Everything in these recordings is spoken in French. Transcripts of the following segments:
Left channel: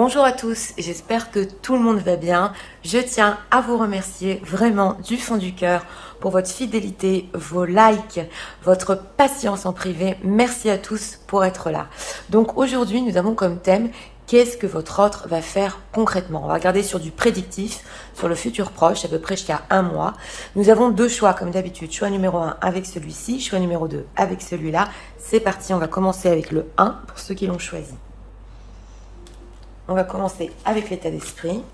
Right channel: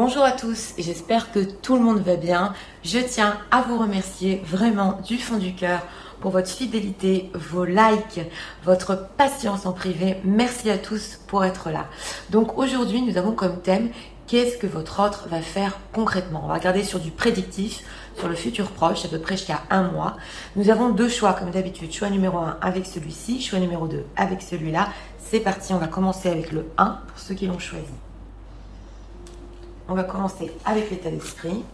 Bonjour à tous, j'espère que tout le monde va bien. Je tiens à vous remercier vraiment du fond du cœur pour votre fidélité, vos likes, votre patience en privé. Merci à tous pour être là. Donc aujourd'hui, nous avons comme thème qu'est-ce que votre autre va faire concrètement. On va regarder sur du prédictif, sur le futur proche, à peu près jusqu'à un mois. Nous avons deux choix comme d'habitude. Choix numéro 1 avec celui-ci, choix numéro 2 avec celui-là. C'est parti, on va commencer avec le 1 pour ceux qui l'ont choisi. On va commencer avec l'état d'esprit.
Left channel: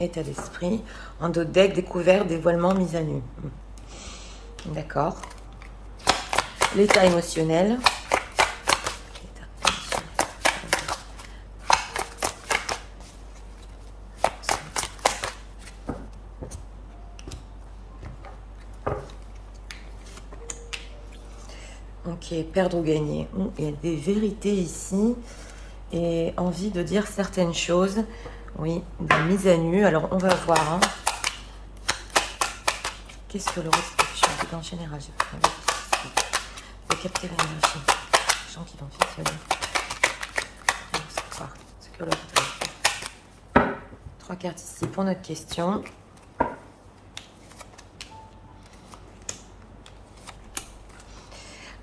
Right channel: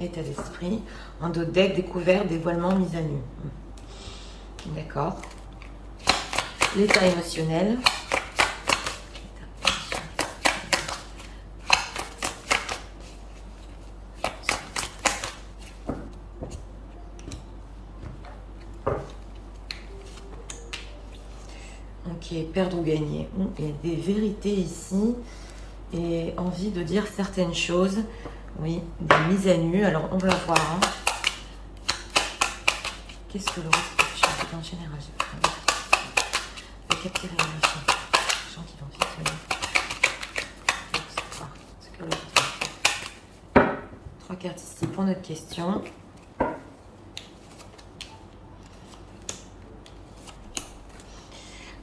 État d'esprit. En dos de deck, découvert, dévoilement, mise à nu. D'accord. L'état émotionnel. Ok, perdre ou gagner. Il y a des vérités ici et envie de dire certaines choses. Oui, des mises à nu. Alors, on va voir. Hein. Qu'est-ce que le reste en général, j'ai pas envie de capter l'énergie. Les gens qui vont faire c'est que le 3 cartes ici pour notre question.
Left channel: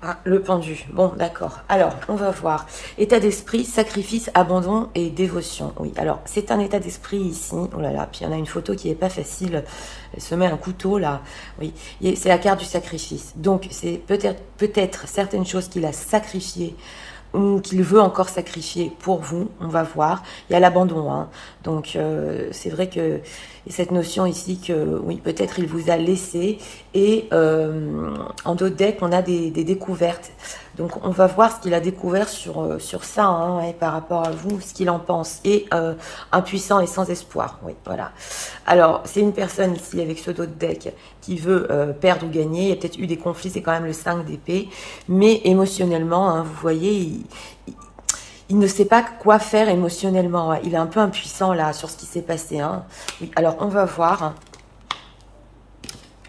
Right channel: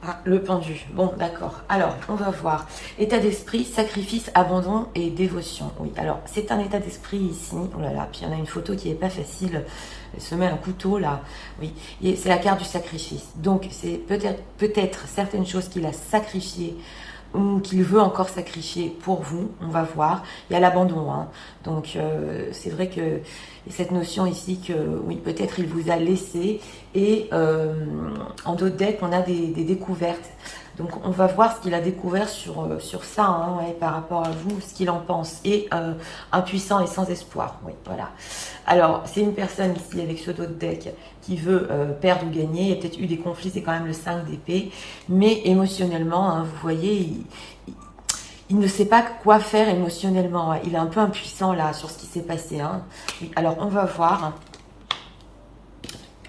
Ah, le pendu. Bon, d'accord. Alors, on va voir. État d'esprit, sacrifice, abandon et dévotion. Oui, alors, c'est un état d'esprit ici. Oh là là, puis il y en a une photo qui n'est pas facile. Elle se met un couteau, là. Oui, c'est la carte du sacrifice. Donc, c'est peut-être certaines choses qu'il a sacrifiées ou qu'il veut encore sacrifier pour vous. On va voir. Il y a l'abandon. Hein. Donc, c'est vrai que cette notion ici que, oui, peut-être il vous a laissé. Et en dos de deck, on a des découvertes. Donc, on va voir ce qu'il a découvert sur ça, hein, et par rapport à vous, ce qu'il en pense. Et impuissant et sans espoir. Oui, voilà. Alors, c'est une personne ici avec ce dos de deck qui veut perdre ou gagner. Il y a peut-être eu des conflits, c'est quand même le 5 d'épée. Mais émotionnellement, hein, vous voyez, il ne sait pas quoi faire émotionnellement. Il est un peu impuissant là sur ce qui s'est passé. Hein. Oui, alors, on va voir.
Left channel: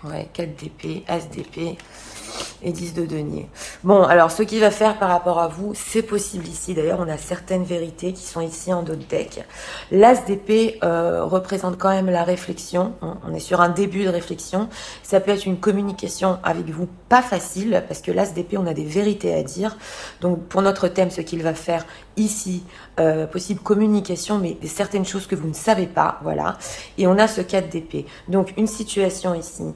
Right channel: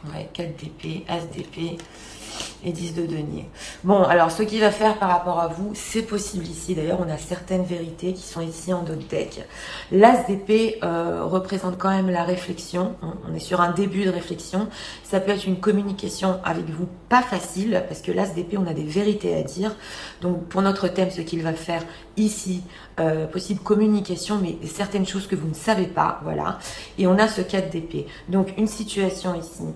Ouais, 4 d'épée, As d'épée et 10 de denier. Bon, alors, ce qu'il va faire par rapport à vous, c'est possible ici. D'ailleurs, on a certaines vérités qui sont ici en dos de deck. L'As d'épée représente quand même la réflexion. On est sur un début de réflexion. Ça peut être une communication avec vous pas facile, parce que l'As d'épée, on a des vérités à dire. Donc, pour notre thème, ce qu'il va faire ici, possible communication, mais certaines choses que vous ne savez pas, voilà. Et on a ce 4 d'épée. Donc, une situation ici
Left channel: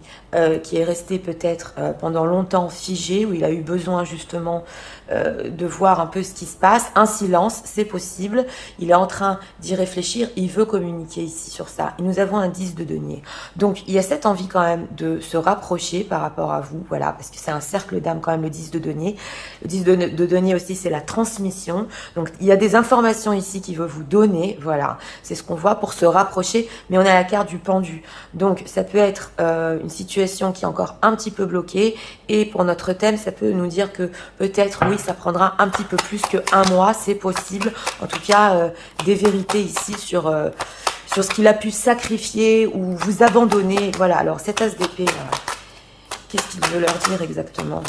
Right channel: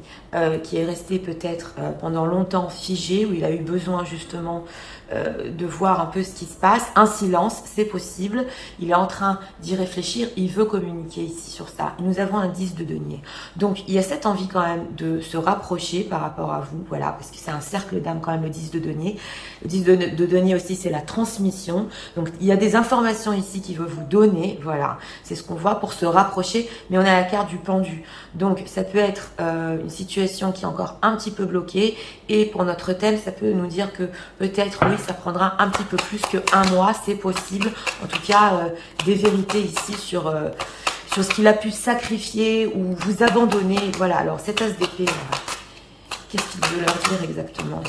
qui est restée peut-être pendant longtemps figée, où il a eu besoin justement de voir un peu ce qui se passe. Un silence, c'est possible. Il est en train d'y réfléchir. Il veut communiquer ici sur ça. Et nous avons un 10 de denier. Donc, il y a cette envie quand même de se rapprocher par rapport à vous, voilà, parce que c'est un cercle d'âme quand même, le 10 de denier. Le 10 de denier aussi, c'est la transmission. Donc, il y a des informations ici qu'il veut vous donner, voilà. C'est ce qu'on voit pour se rapprocher, mais on a la carte du pendu. Donc, ça peut être une situation qui est encore un petit peu bloquée. Et pour notre thème, ça peut nous dire que peut-être, oui, ça prendra un petit peu plus qu'un mois, c'est possible. En tout cas, des vérités ici sur ce qu'il a pu sacrifier ou vous abandonner. Voilà, alors cette As d'épée, voilà. Qu'est-ce qu'il veut leur dire exactement?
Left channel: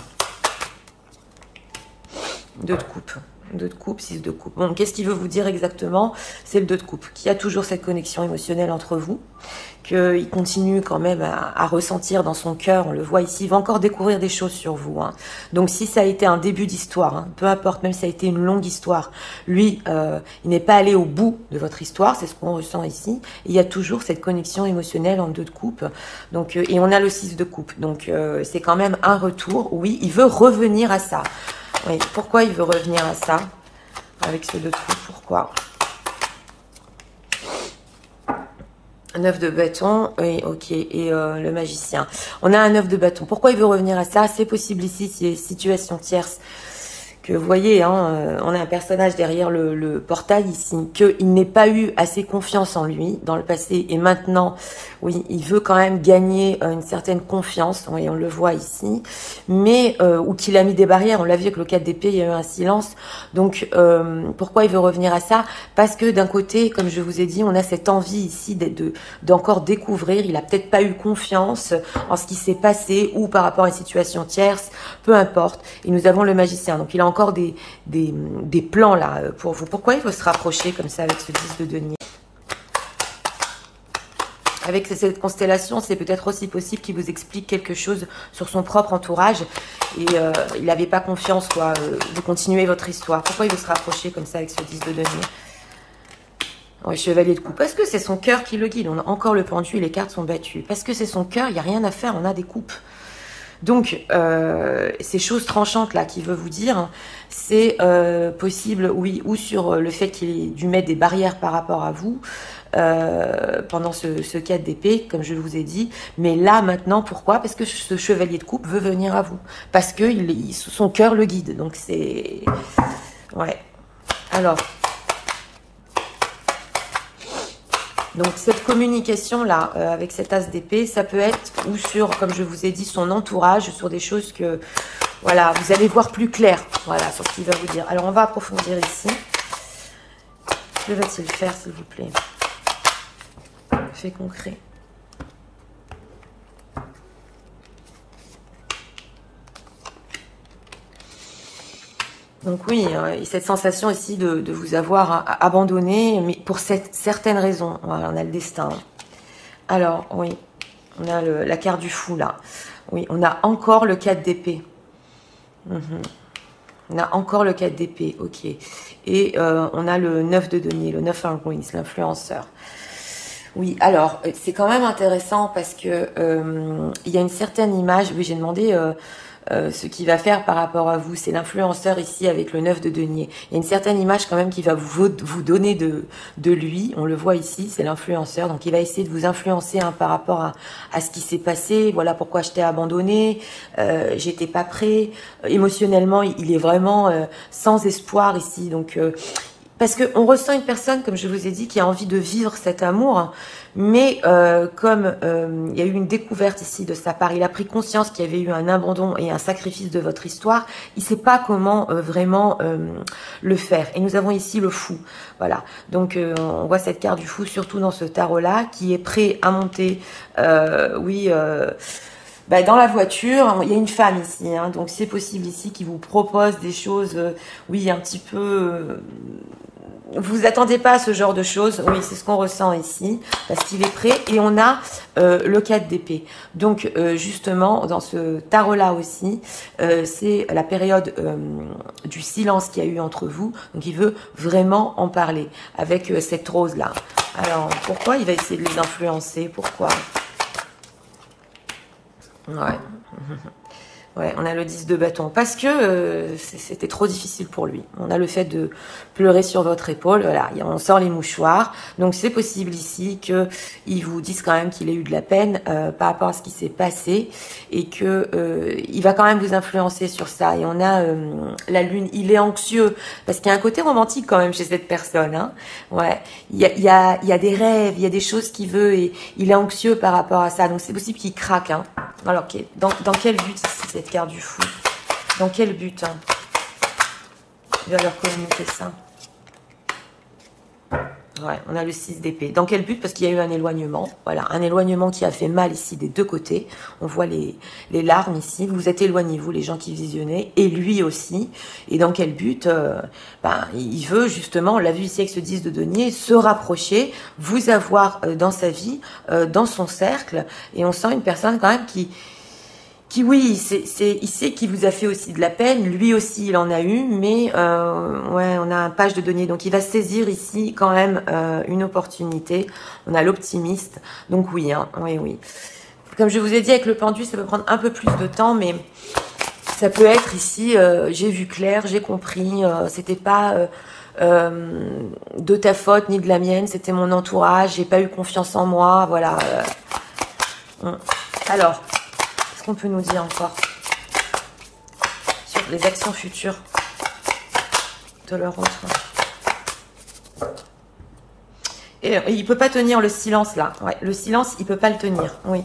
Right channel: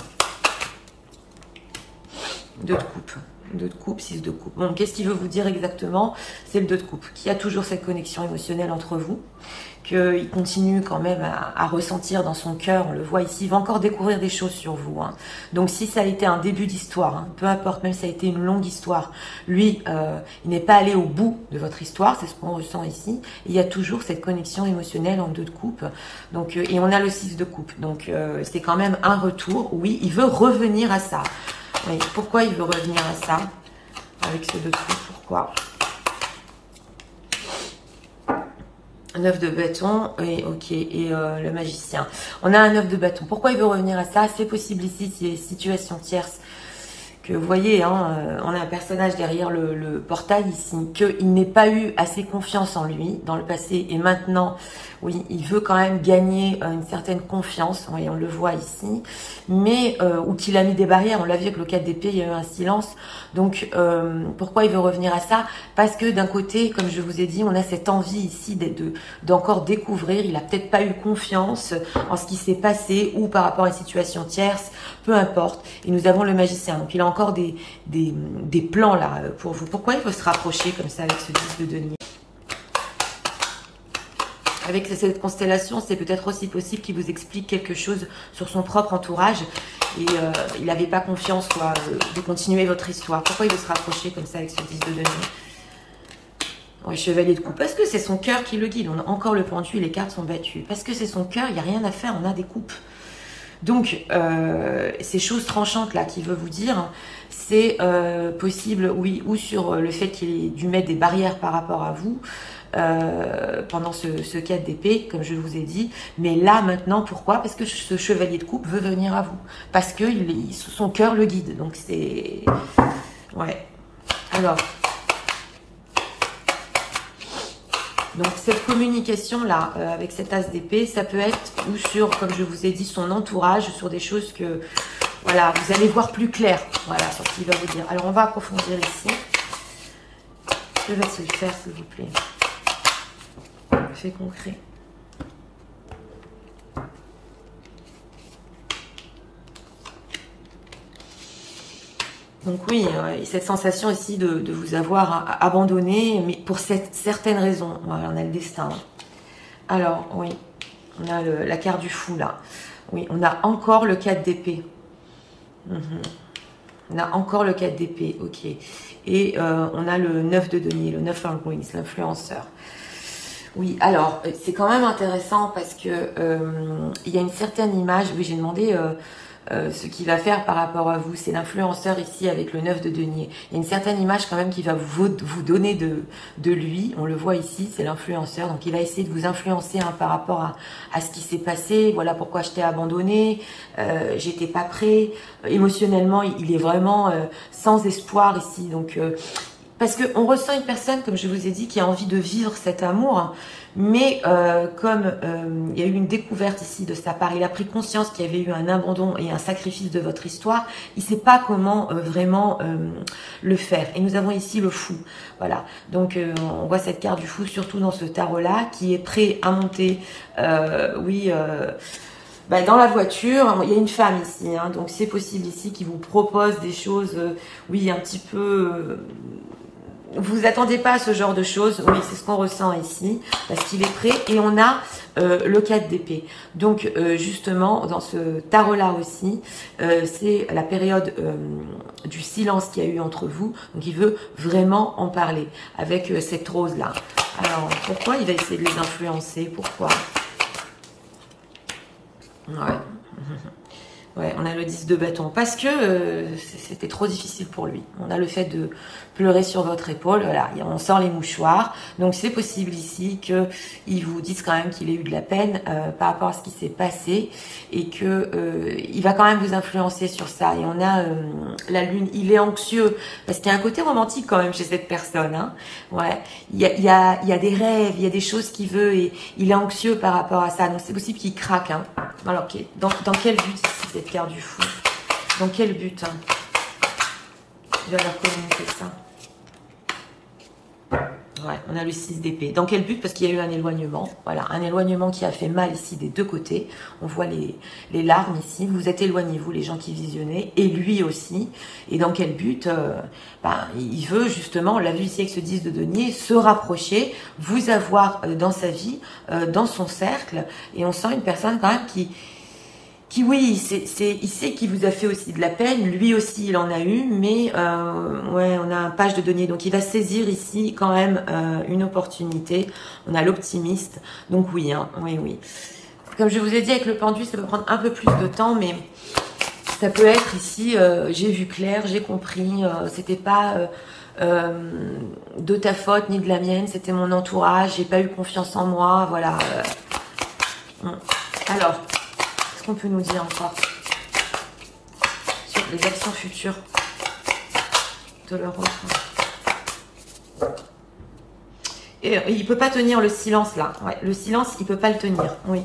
2 de coupe. 2 de coupe, 6 de coupe. Bon, qu'est-ce qu'il veut vous dire exactement? C'est le 2 de coupe, qui a toujours cette connexion émotionnelle entre vous, qu'il continue quand même à ressentir dans son cœur, on le voit ici, il va encore découvrir des choses sur vous. Hein. Donc si ça a été un début d'histoire, hein, peu importe, même si ça a été une longue histoire, lui, il n'est pas allé au bout de votre histoire, c'est ce qu'on ressent ici. Il y a toujours cette connexion émotionnelle en 2 de coupe, donc, et on a le 6 de coupe, donc c'est quand même un retour, oui, il veut revenir à ça. Oui, pourquoi il veut revenir à ça avec ces 2 de coupe, pourquoi? 9 de bâton, et ok, et le magicien. On a un 9 de bâton. Pourquoi il veut revenir à ça? C'est possible ici, c'est situation tierce que vous voyez, hein, on a un personnage derrière le portail ici, qu'il n'ait pas eu assez confiance en lui dans le passé, et maintenant, oui, il veut quand même gagner une certaine confiance, oui, on le voit ici, mais, ou qu'il a mis des barrières, on l'a vu avec le 4 d'épée, il y a eu un silence, donc pourquoi il veut revenir à ça? Parce que d'un côté, comme je vous ai dit, on a cette envie ici d'encore découvrir, il a peut-être pas eu confiance en ce qui s'est passé, ou par rapport à une situation tierce, peu importe, et nous avons le magicien, donc il a encore des plans là pour vous. Pourquoi il faut se rapprocher comme ça avec ce 10 de denier? Avec cette constellation, c'est peut-être aussi possible qu'il vous explique quelque chose sur son propre entourage et il n'avait pas confiance quoi, de continuer votre histoire. Pourquoi il veut se rapprocher comme ça avec ce 10 de denier? Oui, chevalier de coupe. Parce que c'est son cœur qui le guide. On a encore le pendu, les cartes sont battues. Parce que c'est son cœur, il n'y a rien à faire, on a des coupes. Donc, ces choses tranchantes là qu'il veut vous dire, c'est possible, oui, ou sur le fait qu'il ait dû mettre des barrières par rapport à vous pendant ce 4 d'épée, comme je vous ai dit. Mais là, maintenant, pourquoi? Parce que ce chevalier de coupe veut venir à vous. Parce que son cœur le guide. Donc, c'est... Ouais. Alors... Donc, cette communication-là, avec cet as d'épée, ça peut être ou sur, comme je vous ai dit, son entourage, sur des choses que, voilà, vous allez voir plus clair, voilà, sur ce qu'il va vous dire. Alors, on va approfondir ici. Que va-t-il faire, s'il vous plaît? Fait concret. Donc oui, cette sensation ici de vous avoir abandonné, mais pour certaines raisons. Voilà, on a le destin. Alors, oui, on a la carte du fou, là. Oui, on a encore le 4 d'épée. On a encore le 4 d'épée, ok. Et on a le 9 de denier, le 9 Argonis, l'influenceur. Oui, alors, c'est quand même intéressant parce que il y a une certaine image. Oui, j'ai demandé... ce qu'il va faire par rapport à vous, c'est l'influenceur ici avec le 9 de denier. Il y a une certaine image quand même qui va vous donner de lui, on le voit ici, c'est l'influenceur, donc il va essayer de vous influencer hein, par rapport à ce qui s'est passé, voilà pourquoi je t'ai abandonné, j'étais pas prêt, émotionnellement il est vraiment sans espoir ici, donc... parce qu'on ressent une personne, comme je vous ai dit, qui a envie de vivre cet amour, mais comme il y a eu une découverte ici de sa part, il a pris conscience qu'il y avait eu un abandon et un sacrifice de votre histoire, il ne sait pas comment vraiment le faire. Et nous avons ici le fou, voilà. Donc on voit cette carte du fou, surtout dans ce tarot-là, qui est prêt à monter, oui... Bah, dans la voiture, il y a une femme ici, hein, donc c'est possible ici qui vous propose des choses, oui, un petit peu... vous attendez pas à ce genre de choses, oui, c'est ce qu'on ressent ici, parce qu'il est prêt, et on a le 4 d'épée. Donc, justement, dans ce tarot-là aussi, c'est la période du silence qu'il y a eu entre vous, donc il veut vraiment en parler, avec cette rose-là. Alors, pourquoi il va essayer de les influencer? Pourquoi? Ouais. Ouais, on a le 10 de bâton. Parce que c'était trop difficile pour lui. On a le fait de pleurer sur votre épaule. Voilà, on sort les mouchoirs. Donc, c'est possible ici qu'ils vous disent quand même qu'il ait eu de la peine par rapport à ce qui s'est passé. Et que il va quand même vous influencer sur ça. Et on a la lune. Il est anxieux. Parce qu'il y a un côté romantique quand même chez cette personne. Hein. Ouais. Il y a des rêves, il y a des choses qu'il veut. Et il est anxieux par rapport à ça. Donc, c'est possible qu'il craque. Hein. Alors, dans quel but ici, cette carte du fou? Dans quel but hein, il va leur communiquer ça? Ouais, on a le 6 d'épée. Dans quel but? Parce qu'il y a eu un éloignement. Voilà, un éloignement qui a fait mal ici des deux côtés. On voit les larmes ici. Vous êtes éloignés, vous, les gens qui visionnaient. Et lui aussi. Et dans quel but il veut justement, on l'a vu ici avec ce 10 de denier, se rapprocher, vous avoir dans sa vie, dans son cercle. Et on sent une personne quand même qui oui, il sait qu'il vous a fait aussi de la peine, lui aussi il en a eu, mais ouais, on a un page de denier, donc il va saisir ici quand même une opportunité. On a l'optimiste, donc oui, hein, oui. Comme je vous ai dit avec le pendu, ça peut prendre un peu plus de temps, mais ça peut être ici, j'ai vu clair, j'ai compris, c'était pas de ta faute ni de la mienne, c'était mon entourage, j'ai pas eu confiance en moi, voilà. Alors... qu'on peut nous dire encore sur les actions futures de leur autre. Et il peut pas tenir le silence là. Ouais, le silence, il peut pas le tenir. Oui.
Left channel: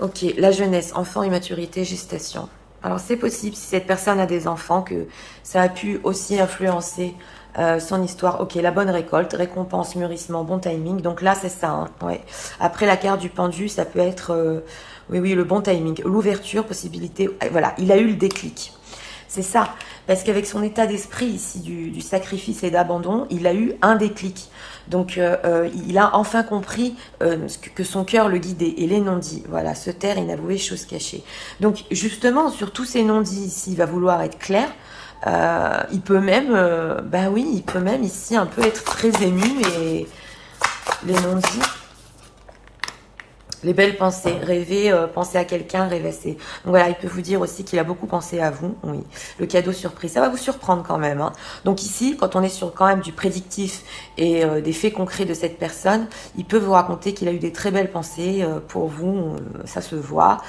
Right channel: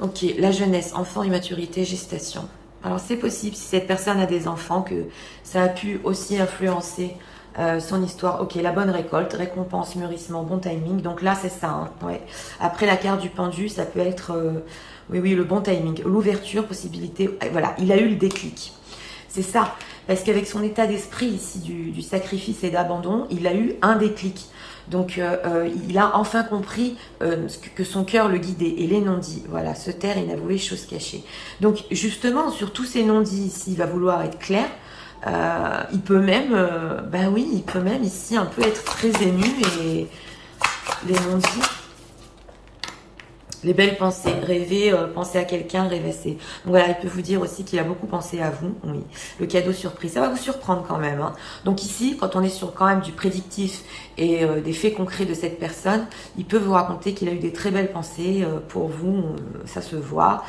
Ok, la jeunesse, enfant, immaturité, gestation. Alors c'est possible si cette personne a des enfants que ça a pu aussi influencer son histoire. Ok, la bonne récolte, récompense, mûrissement, bon timing. Donc là c'est ça. Hein, ouais. Après la carte du pendu, ça peut être oui, le bon timing, l'ouverture, possibilité. Voilà, il a eu le déclic. C'est ça, parce qu'avec son état d'esprit ici du sacrifice et d'abandon, il a eu un déclic. Donc, il a enfin compris que son cœur le guidait et les non-dits. Voilà, se taire, inavouer, chose cachée. Donc, justement, sur tous ces non-dits ici, il va vouloir être clair. Il peut même, ben oui, il peut même ici un peu être très ému et les non-dits. Les belles pensées, rêver, penser à quelqu'un, rêvasser. Donc voilà, il peut vous dire aussi qu'il a beaucoup pensé à vous. Oui, le cadeau surprise, ça va vous surprendre quand même. Hein. Donc ici, quand on est sur quand même du prédictif et des faits concrets de cette personne, il peut vous raconter qu'il a eu des très belles pensées pour vous, ça se voit.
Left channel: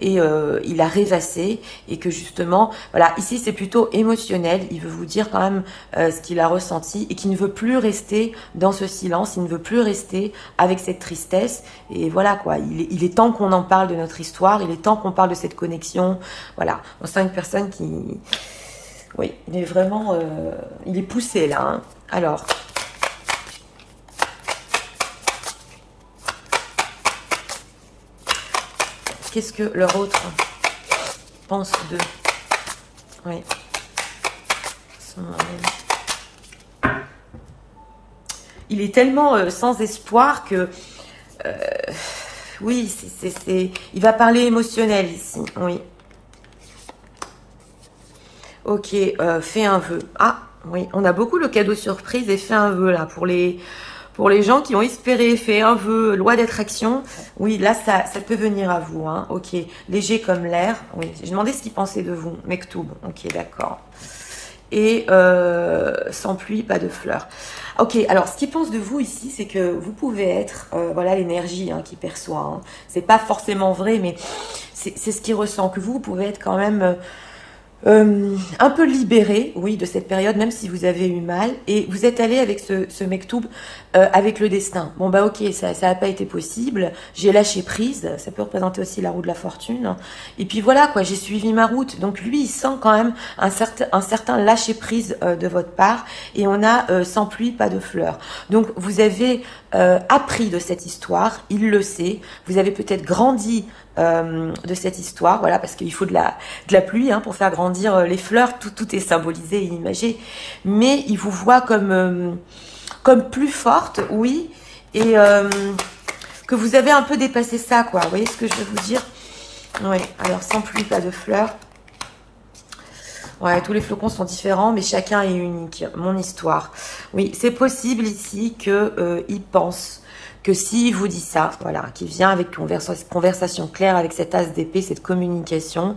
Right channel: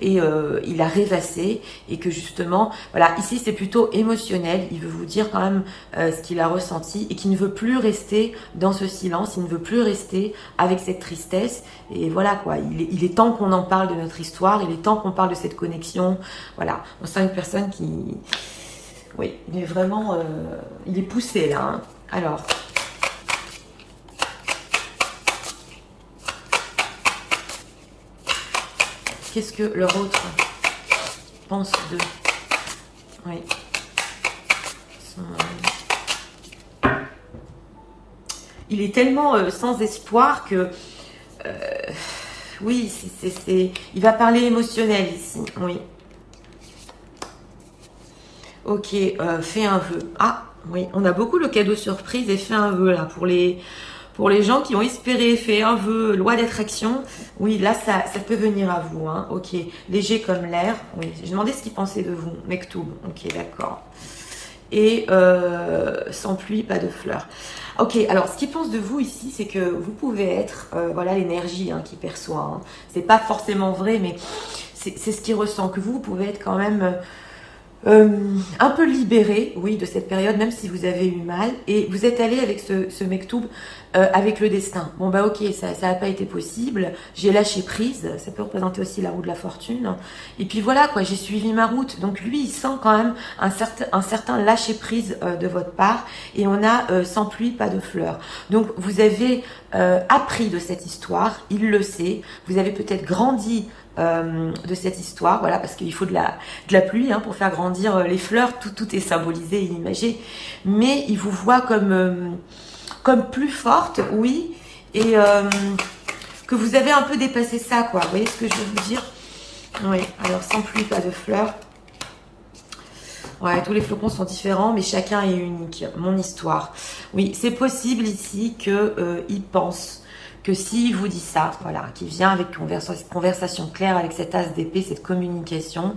Et il a rêvassé et que justement, voilà, ici c'est plutôt émotionnel. Il veut vous dire quand même ce qu'il a ressenti et qu'il ne veut plus rester dans ce silence, il ne veut plus rester avec cette tristesse. Et voilà quoi, il est temps qu'on en parle de notre histoire, il est temps qu'on parle de cette connexion. Voilà, on sent une personne qui, oui, il est vraiment, il est poussé là. Hein. Alors. Qu'est-ce que leur autre pense d'eux? Oui. Il est tellement sans espoir que... oui, il va parler émotionnel ici. Oui. Ok, fais un vœu. Ah, oui, on a beaucoup le cadeau surprise et fais un vœu là pour les gens qui ont espéré, fait un vœu, loi d'attraction, oui, là, ça peut venir à vous. Hein. Ok, léger comme l'air. Oui, j'ai demandé ce qu'ils pensaient de vous. Mektoub, ok, d'accord. Et sans pluie, pas de fleurs. Ok, alors ce qu'ils pensent de vous ici, c'est que vous pouvez être, voilà l'énergie hein, qu'il perçoit. Hein. C'est pas forcément vrai, mais c'est ce qu'il ressent, que vous pouvez être quand même... un peu libéré, oui, de cette période, même si vous avez eu mal, et vous êtes allé avec ce mektoub, avec le destin. Bon bah ok, ça n'a pas été possible, j'ai lâché prise, ça peut représenter aussi la roue de la fortune, et puis voilà quoi, j'ai suivi ma route. Donc lui, il sent quand même un certain lâcher prise de votre part, et on a sans pluie, pas de fleurs. Donc vous avez appris de cette histoire, il le sait, vous avez peut-être grandi de cette histoire, voilà, parce qu'il faut de la pluie hein, pour faire grandir les fleurs, tout est symbolisé et imagé, mais il vous voit comme plus forte, oui, et que vous avez un peu dépassé ça, quoi, vous voyez ce que je veux vous dire? Oui, alors sans pluie, pas de fleurs. Ouais, tous les flocons sont différents, mais chacun est unique. Mon histoire. Oui, c'est possible ici qu'il pense que s'il vous dit ça, voilà, qu'il vient avec conversation claire avec cet as d'épée, cette communication,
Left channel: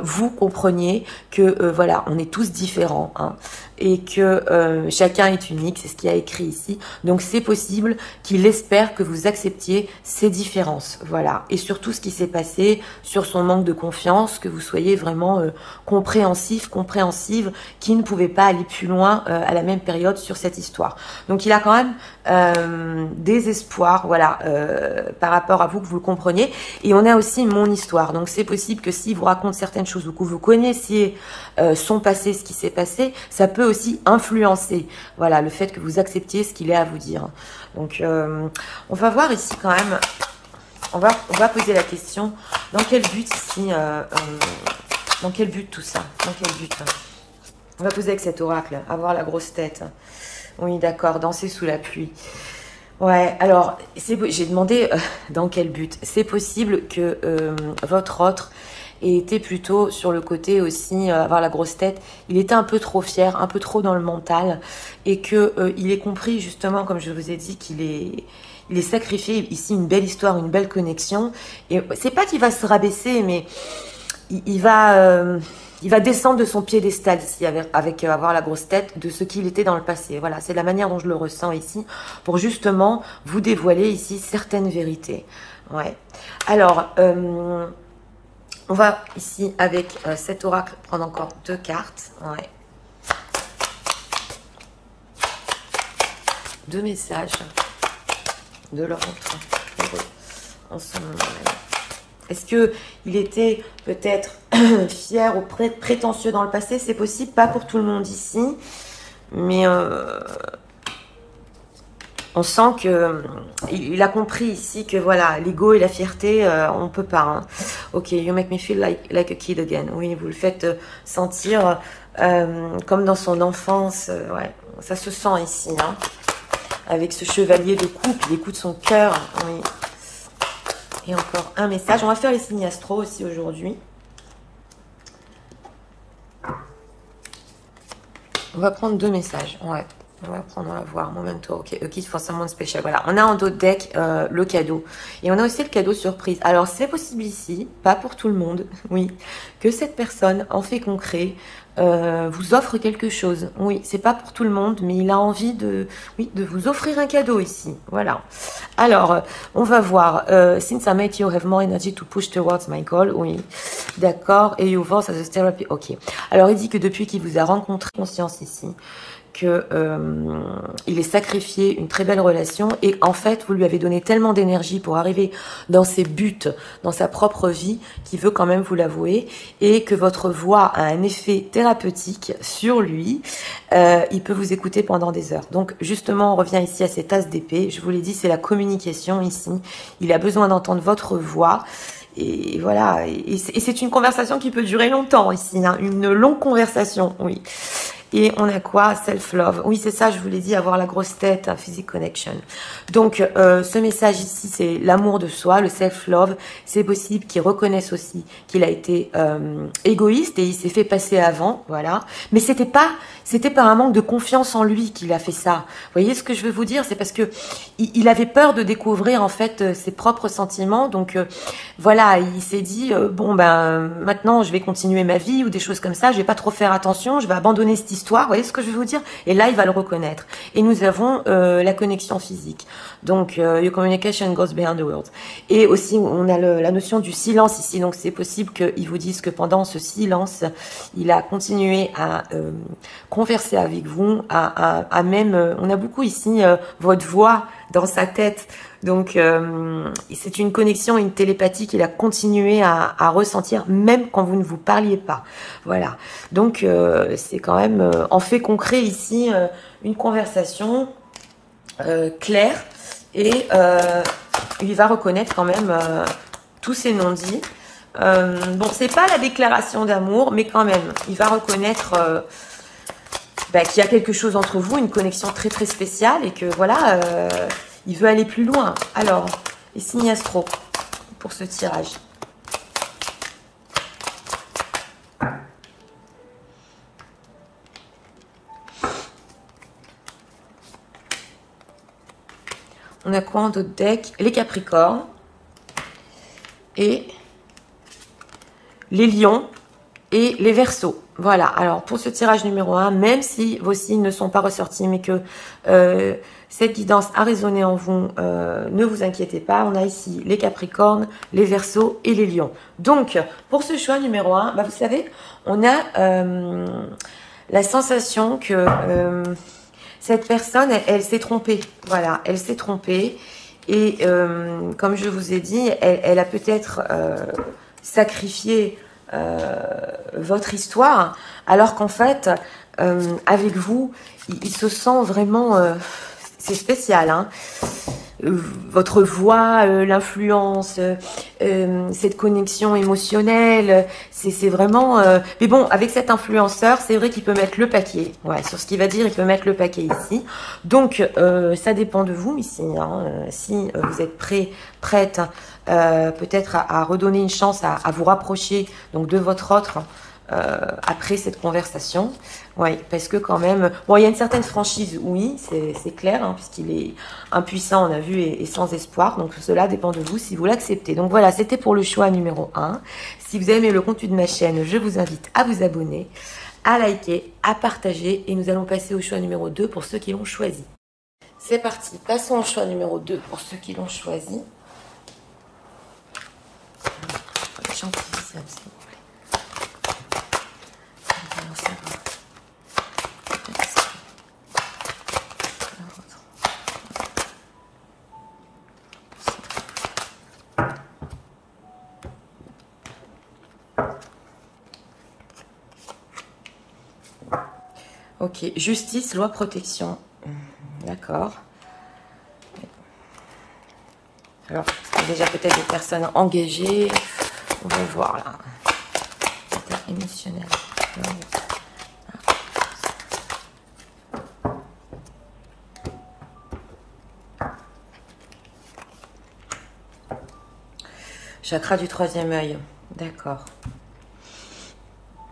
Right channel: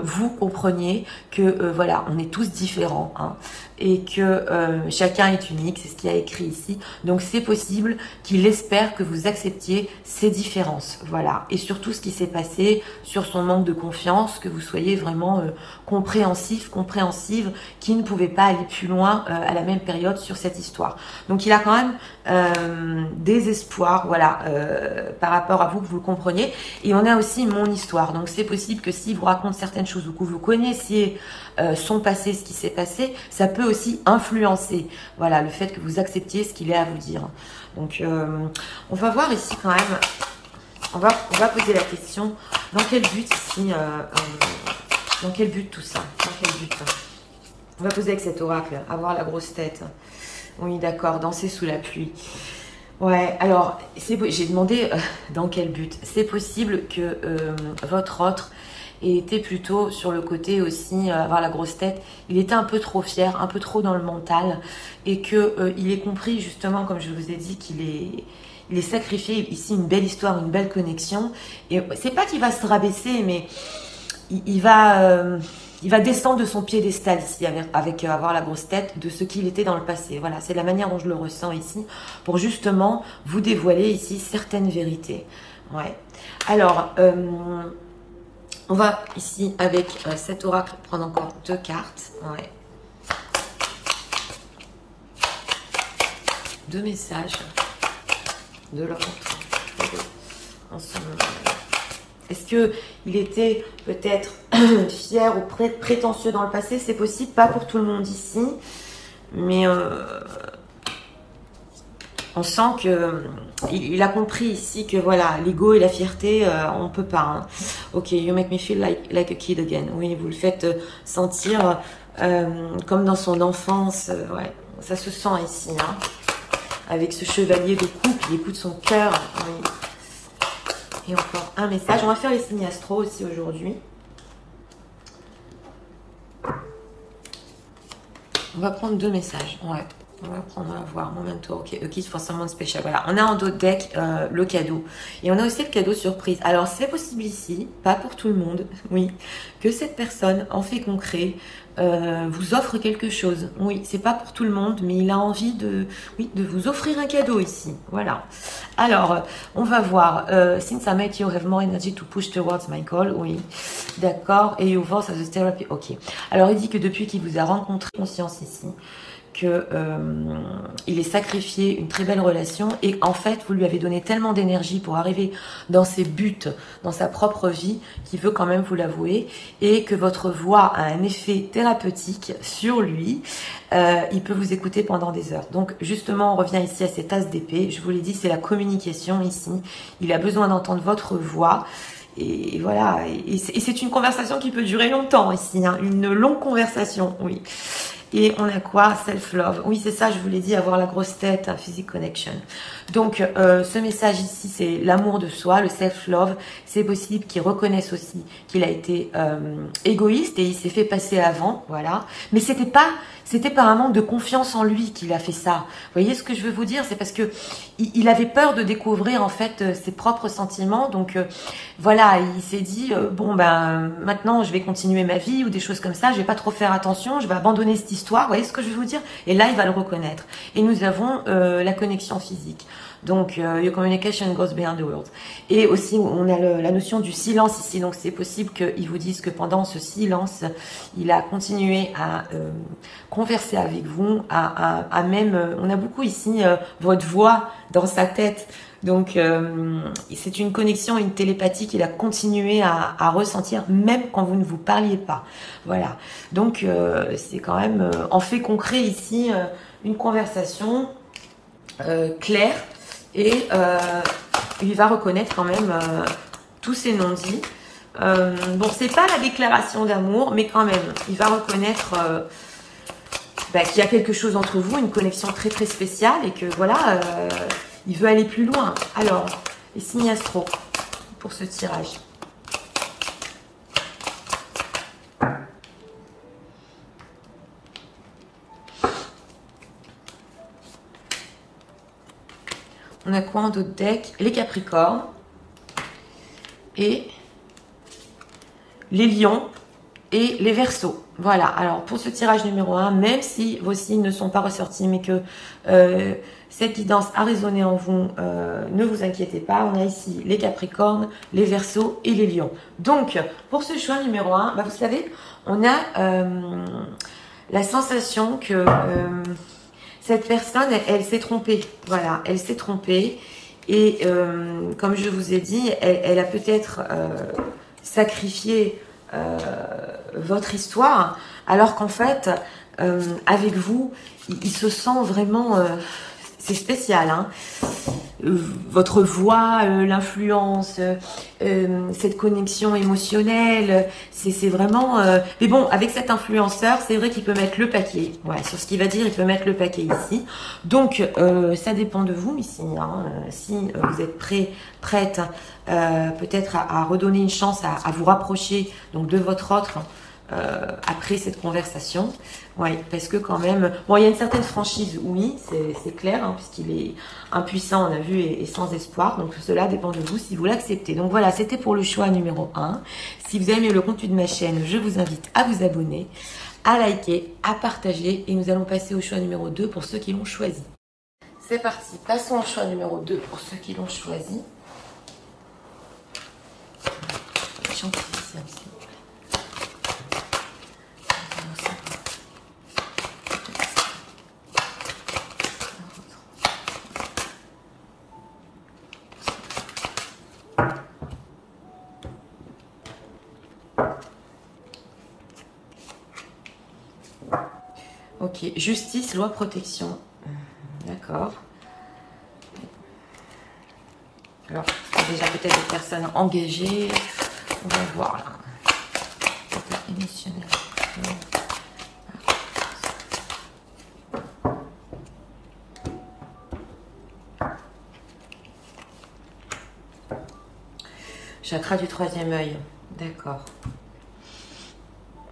vous compreniez que voilà, on est tous différents hein, et que chacun est unique, c'est ce qu'il y a écrit ici. Donc c'est possible qu'il espère que vous acceptiez ces différences, voilà, et surtout ce qui s'est passé sur son manque de confiance, que vous soyez vraiment compréhensif, compréhensive, qui ne pouvait pas aller plus loin à la même période sur cette histoire. Donc il a quand même des espoirs, voilà, par rapport à vous, que vous le compreniez. Et on a aussi mon histoire. Donc c'est possible que s'il vous raconte certaines choses ou que vous connaissiez son passé, ce qui s'est passé, ça peut aussi influencer, voilà, le fait que vous acceptiez ce qu'il est à vous dire. Donc on va voir ici quand même, on va poser la question, dans quel but ici, dans quel but tout ça, dans quel but? On va poser avec cet oracle, avoir la grosse tête. Oui, d'accord, danser sous la pluie. Ouais, alors, j'ai demandé dans quel but. C'est possible que votre autre ait été plutôt sur le côté aussi, avoir la grosse tête. Il était un peu trop fier, un peu trop dans le mental. Et qu'il ait compris, justement, comme je vous ai dit, il est sacrifié ici une belle histoire, une belle connexion. Et c'est pas qu'il va se rabaisser, mais il va descendre de son piédestal ici avec avoir la grosse tête de ce qu'il était dans le passé. Voilà, c'est la manière dont je le ressens ici pour justement vous dévoiler ici certaines vérités. Ouais. Alors, on va ici, avec cet oracle, prendre encore 2 cartes. Ouais. 2 messages de leur en ce moment. Est-ce qu'il était peut-être fier ou prétentieux dans le passé? C'est possible, pas pour tout le monde ici. Mais on sent qu'il a compris ici que voilà, l'ego et la fierté, on ne peut pas. Hein. Ok, you make me feel like a kid again. Oui, vous le faites sentir comme dans son enfance. Ouais, ça se sent ici. Hein. Avec ce chevalier de coupe, il écoute son cœur. Oui. Et encore un message. On va faire les signes astro aussi aujourd'hui. On va prendre 2 messages. Ouais. On va prendre, on va voir. Momento. Ok. A gift for someone special. Voilà. On a en d'autres decks le cadeau. Et on a aussi le cadeau surprise. Alors, c'est possible ici, pas pour tout le monde, oui, que cette personne, en fait concret, vous offre quelque chose. Oui, c'est pas pour tout le monde, mais il a envie de vous offrir un cadeau ici. Voilà. Alors, on va voir. Since I make you have more energy to push towards my goal. Oui, d'accord. Et you voice as a therapy. Ok. Alors, il dit que depuis qu'il vous a rencontré, conscience ici, que il est sacrifié une très belle relation et en fait vous lui avez donné tellement d'énergie pour arriver dans ses buts, dans sa propre vie, qu'il veut quand même vous l'avouer et que votre voix a un effet thérapeutique sur lui. Il peut vous écouter pendant des heures. Donc justement on revient ici à cette as d'épée. Je vous l'ai dit, c'est la communication ici. Il a besoin d'entendre votre voix. Et voilà, et c'est une conversation qui peut durer longtemps ici, hein, une longue conversation, oui. Et on a quoi? Self-love. Oui, c'est ça, je vous l'ai dit, avoir la grosse tête, un physique connection. Donc, ce message ici, c'est l'amour de soi, le self-love. C'est possible qu'il reconnaisse aussi qu'il a été égoïste et il s'est fait passer avant, voilà. Mais c'était pas un manque de confiance en lui qu'il a fait ça. Vous voyez ce que je veux vous dire? C'est parce que il avait peur de découvrir en fait ses propres sentiments. Donc voilà, il s'est dit bon ben maintenant je vais continuer ma vie ou des choses comme ça. Je vais pas trop faire attention. Je vais abandonner cette histoire. Vous voyez ce que je veux vous dire? Et là il va le reconnaître. Et nous avons la connexion physique. Donc, your communication goes beyond the words. Et aussi, on a la notion du silence ici. Donc, c'est possible qu'ils vous disent que pendant ce silence, il a continué à converser avec vous, à même... on a beaucoup ici votre voix dans sa tête. Donc, c'est une connexion, une télépathie qu'il a continué à ressentir, même quand vous ne vous parliez pas. Voilà. Donc, c'est quand même, en fait concret ici, une conversation claire. Et il va reconnaître quand même tous ces non-dits. Bon, c'est pas la déclaration d'amour, mais quand même, il va reconnaître qu'il y a quelque chose entre vous, une connexion très très spéciale et que voilà, il veut aller plus loin. Alors, les signes astro pour ce tirage. On a quoi en d'autres decks? Les Capricornes et les Lions et les Verseaux. Voilà, alors pour ce tirage numéro 1, même si vos signes ne sont pas ressortis, mais que cette guidance a résonné en vous, ne vous inquiétez pas. On a ici les Capricornes, les Verseaux et les Lions. Donc, pour ce choix numéro 1, vous savez, on a la sensation que... cette personne, elle s'est trompée. Voilà, elle s'est trompée. Et comme je vous ai dit, elle a peut-être sacrifié votre histoire, alors qu'en fait, avec vous, il se sent vraiment... c'est spécial, hein. Votre voix, l'influence, cette connexion émotionnelle, c'est vraiment... mais bon, avec cet influenceur, c'est vrai qu'il peut mettre le paquet. Ouais, sur ce qu'il va dire, il peut mettre le paquet ici. Donc, ça dépend de vous ici. Hein, si vous êtes prête, peut-être à redonner une chance à vous rapprocher donc de votre autre après cette conversation. Oui, parce que quand même... Bon, il y a une certaine franchise, oui, c'est clair, hein, puisqu'il est impuissant, on a vu, et sans espoir. Donc, cela dépend de vous si vous l'acceptez. Donc, voilà, c'était pour le choix numéro 1. Si vous avez aimé le contenu de ma chaîne, je vous invite à vous abonner, à liker, à partager. Et nous allons passer au choix numéro 2 pour ceux qui l'ont choisi. C'est parti, passons au choix numéro 2 pour ceux qui l'ont choisi. Gentil, s'il vous plaît. Ok, justice, loi, protection. D'accord. Alors, c'est déjà peut-être des personnes engagées. On va voir là. État émotionnel. Chakra du troisième œil. D'accord.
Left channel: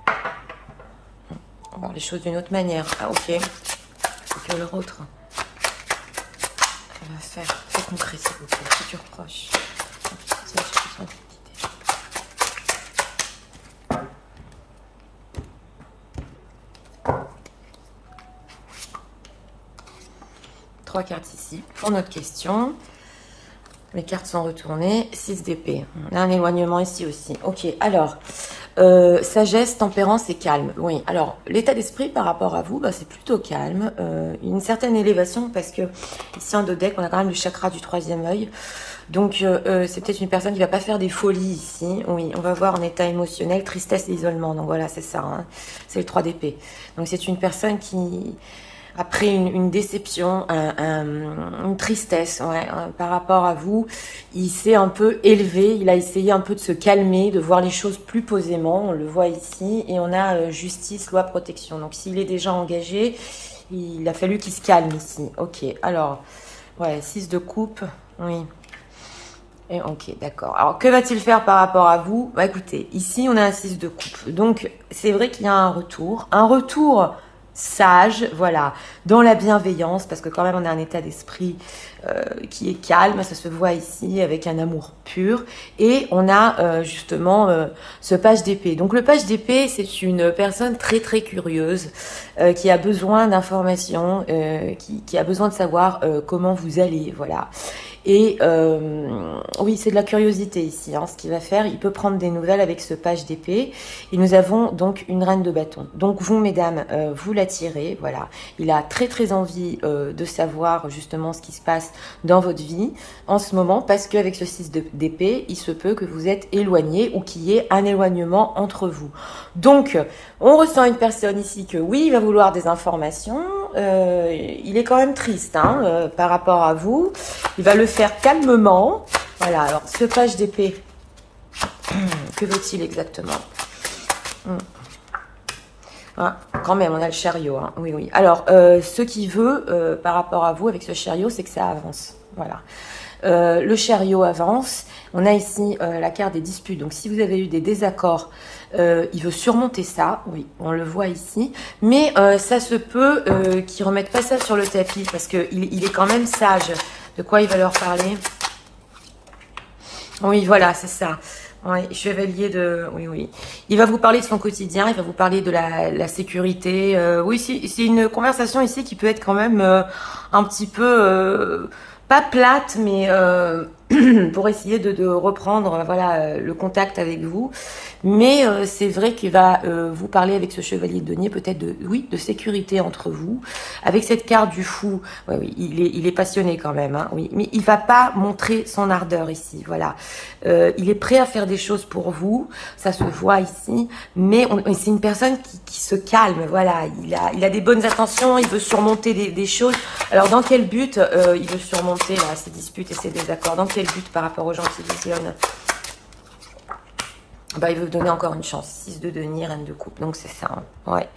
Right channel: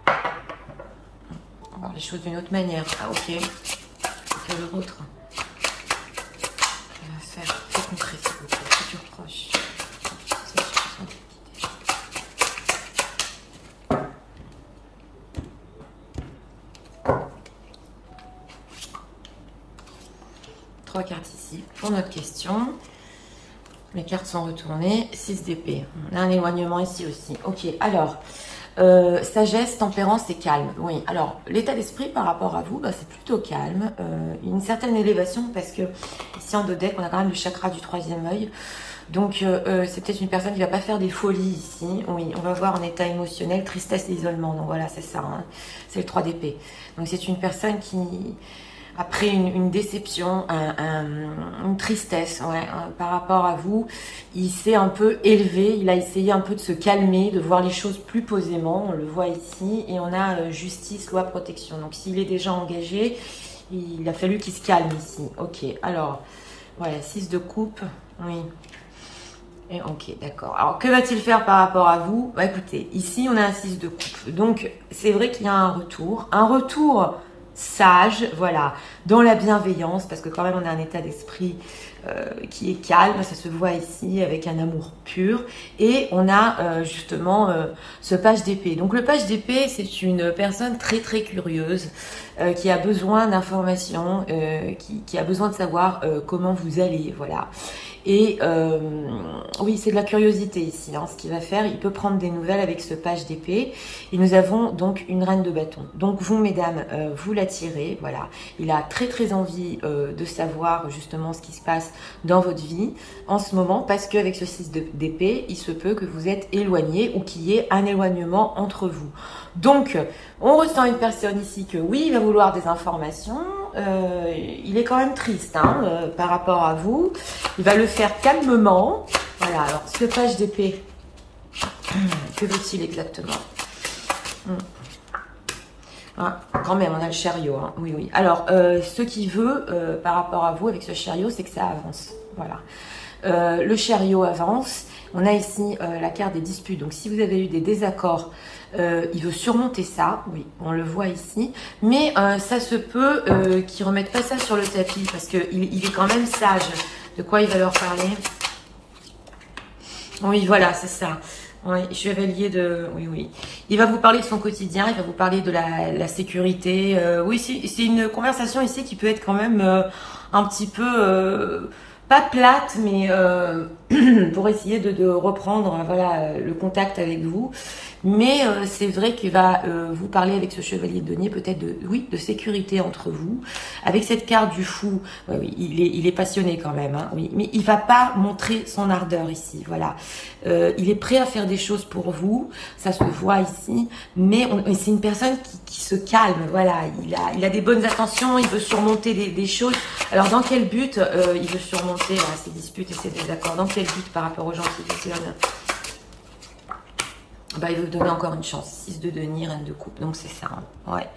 On va voir les choses d'une autre manière. Ah, ok. Que l'autre. On va faire plus concret, s'il vous plaît. Futur proche. Trois cartes ici pour notre question. Mes cartes sont retournées. 6 d'épée. On a un éloignement ici aussi. Ok, alors, sagesse, tempérance et calme. Oui, alors, l'état d'esprit par rapport à vous, bah, c'est plutôt calme. Une certaine élévation parce que ici en dos deck, on a quand même le chakra du troisième œil. Donc, c'est peut-être une personne qui va pas faire des folies ici. Oui, on va voir en état émotionnel, tristesse et isolement. Donc voilà, c'est ça. Hein. C'est le 3 d'épée. Donc, c'est une personne qui... Après une déception, une tristesse ouais, par rapport à vous, il s'est un peu élevé, il a essayé un peu de se calmer, de voir les choses plus posément, on le voit ici, et on a justice, loi, protection. Donc s'il est déjà engagé, il a fallu qu'il se calme ici. Ok, alors, ouais, 6 de coupe, oui. Et ok, d'accord. Alors, que va-t-il faire par rapport à vous? Bah, écoutez, ici, on a un 6 de coupe. Donc, c'est vrai qu'il y a un retour sage, voilà, dans la bienveillance, parce que quand même on a un état d'esprit qui est calme, ça se voit ici avec un amour pur, et on a justement ce page d'épée. Donc le page d'épée, c'est une personne très très curieuse, qui a besoin d'informations, qui a besoin de savoir comment vous allez, voilà. Et oui, c'est de la curiosité ici, hein, ce qu'il va faire. Il peut prendre des nouvelles avec ce page d'épée. Et nous avons donc une reine de bâton. Donc vous, mesdames, vous l'attirez, voilà. Il a très très envie de savoir justement ce qui se passe dans votre vie en ce moment, parce qu'avec ce 6 d'épée, il se peut que vous êtes éloignés ou qu'il y ait un éloignement entre vous. Donc, on ressent une personne ici que oui, il va vouloir des informations. Il est quand même triste hein, par rapport à vous. Il va le faire calmement. Voilà, alors ce page d'épée, que veut-il exactement? Ah, quand même, on a le chariot. Hein. Oui, oui. Alors, ce qu'il veut par rapport à vous avec ce chariot, c'est que ça avance. Voilà. Le chariot avance. On a ici la carte des disputes. Donc, si vous avez eu des désaccords, il veut surmonter ça. Oui, on le voit ici. Mais ça se peut qu'il ne remette pas ça sur le tapis parce qu'il est quand même sage. De quoi il va leur parler? Oui, voilà, c'est ça. Oui, chevalier de... Oui, oui. Il va vous parler de son quotidien, il va vous parler de la sécurité. Oui, c'est une conversation ici qui peut être quand même un petit peu... pas plate, mais pour essayer de reprendre voilà, le contact avec vous. Mais c'est vrai qu'il va vous parler avec ce chevalier de denier peut-être de sécurité entre vous. Avec cette carte du fou, ouais, oui, il est passionné quand même, hein, oui, mais il va pas montrer son ardeur ici. Voilà, il est prêt à faire des choses pour vous, ça se voit ici. Mais c'est une personne qui se calme. Voilà, il a des bonnes intentions, il veut surmonter des choses. Alors dans quel but il veut surmonter ses disputes et ses désaccords? Dans quel but par rapport aux gens qui visionnent? Bah, il veut donner encore une chance. 6 de denier, reine de coupe. Donc, c'est ça. Hein. Ouais.